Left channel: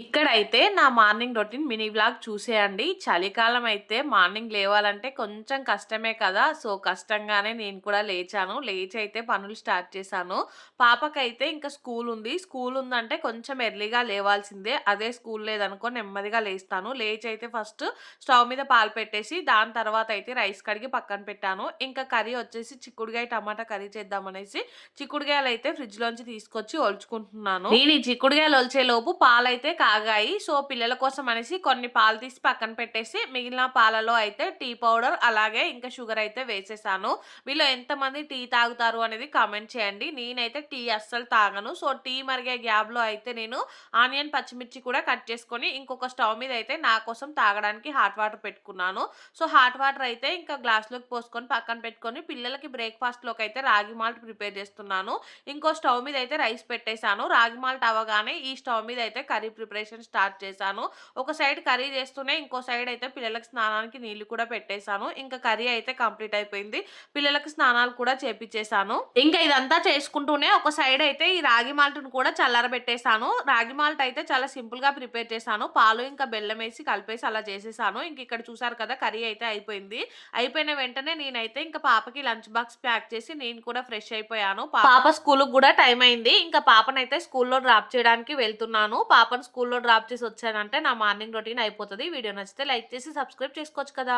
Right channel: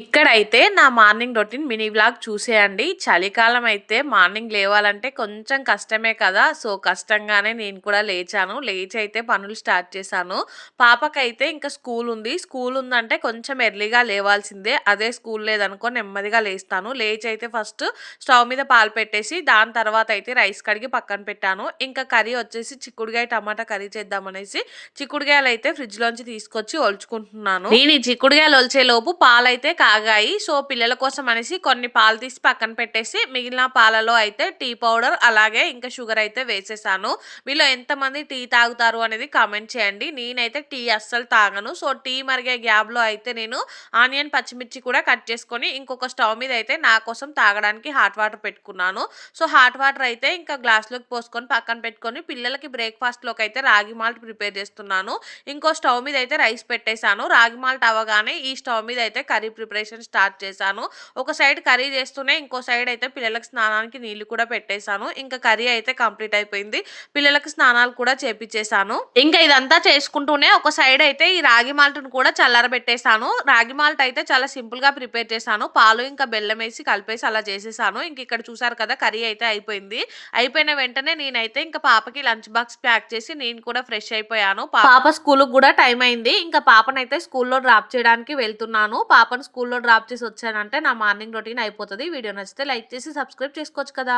ఇక్కడైతే నా morning routine mini blog చూసేయండి. చలికాలం అయితే మార్నింగ్ లేవాలంటే కొంచెం కష్టమే కదా! సో, కష్టంగానే నేను కూడా లేచాను. లేచి అయితే పనులు స్టార్ట్ చేశాను. పాపకైతే ఇంకా స్కూల్ ఉంది. స్కూల్ ఉందంటే కొంచెం ఎర్లీగా లేవాల్సిందే. అదే స్కూల్ లేదనుకో నెమ్మదిగా లేస్తాను. లేచి అయితే ఫస్ట్ స్టవ్ మీద పాలు పెట్టేసి దాని తర్వాత అయితే రైస్ కడిగి పక్కన పెట్టాను. ఇంకా కర్రీ వచ్చేసి చిక్కుడుగాయ టమాటా కర్రీ చేద్దామనేసి చిక్కుడుగాయలు అయితే ఫ్రిడ్జ్‌లోంచి తీసుకొచ్చి ఒలుచుకుంటున్నాను. నేను ఈ చిక్కుడుగాయలు ఒలిచే లోపు పాలైతే కాగాయి. సో, పిల్లల కోసం అనేసి కొన్ని పాలు తీసి పక్కన పెట్టేసి మిగిలిన పాలలో అయితే టీ పౌడర్ అలాగే ఇంకా షుగర్ అయితే వేసేసాను. మీలో ఎంతమంది టీ తాగుతారు అనేది కామెంట్ చేయండి. నేనైతే టీ అస్సలు తాగను. సో, టీ మరిగే గ్యాబ్లో అయితే నేను ఆనియన్, పచ్చిమిర్చి కూడా కట్ చేసుకొని ఇంకొక స్టవ్ మీద అయితే నా కోసం తాగడానికి హాట్ వాటర్ పెట్టుకున్నాను. సో, హాట్ వాటర్ అయితే ఇంకా గ్లాస్‌లోకి పోసుకొని పక్కన పెట్టుకొని పిల్లలకి బ్రేక్‌ఫాస్ట్‌లోకి అయితే రాగి మాల్ట్ ప్రిపేర్ చేస్తున్నాను. ఇంకో స్టవ్ మీద అయితే రైస్ పెట్టేసాను. రాగి మాల్ట్ అవ్వగానే ఈ స్టవ్ మీద అయితే కర్రీ ప్రిపేర్ ప్రిపరేషన్ స్టార్ట్ చేశాను. ఒక సైడ్ కర్రీ చేస్తూనే ఇంకో సైడ్ అయితే పిల్లలకి స్నానానికి నీళ్ళు కూడా పెట్టేసాను. ఇంకా కర్రీ అయితే కంప్లీట్ అయిపోయింది. పిల్లలకు స్నానాలు కూడా చేపిచ్చేసాను. ఇంకా ఇదంతా చేసుకుంటూనే ఒక సైడ్ అయితే ఈ రాగి మాల్ట్ను కూడా చల్లారబెట్టేశాను రాగి మాల్ట్ అయితే చాలా సింపుల్‌గా ప్రిపేర్ చేశాను. పాలు ఇంకా బెల్లం వేసి కలిపేసి అలా చేసేసాను. ఇంక ఇక్కడ చూసారు కదా కర్రీ అయితే అయిపోయింది. అయిపోయిన వెంటనే నేనైతే ఇంకా పాపకి లంచ్ బాక్స్ ప్యాక్ చేసి నేను కూడా ఫ్రెష్ అయిపోయాను. పాప స్కూల్‌కి కూడా టైం అయింది. ఇంకా పాపనైతే స్కూల్‌లో డ్రాప్ చేయడానికి వెళ్తున్నాను. పాపను స్కూల్‌లో డ్రాప్ చేసి వచ్చానంటే నా మార్నింగ్ రొటీన్ అయిపోతుంది వీడియో నచ్చితే లైక్ చేసి సబ్స్క్రైబ్ చేసుకోవచ్చు కదా!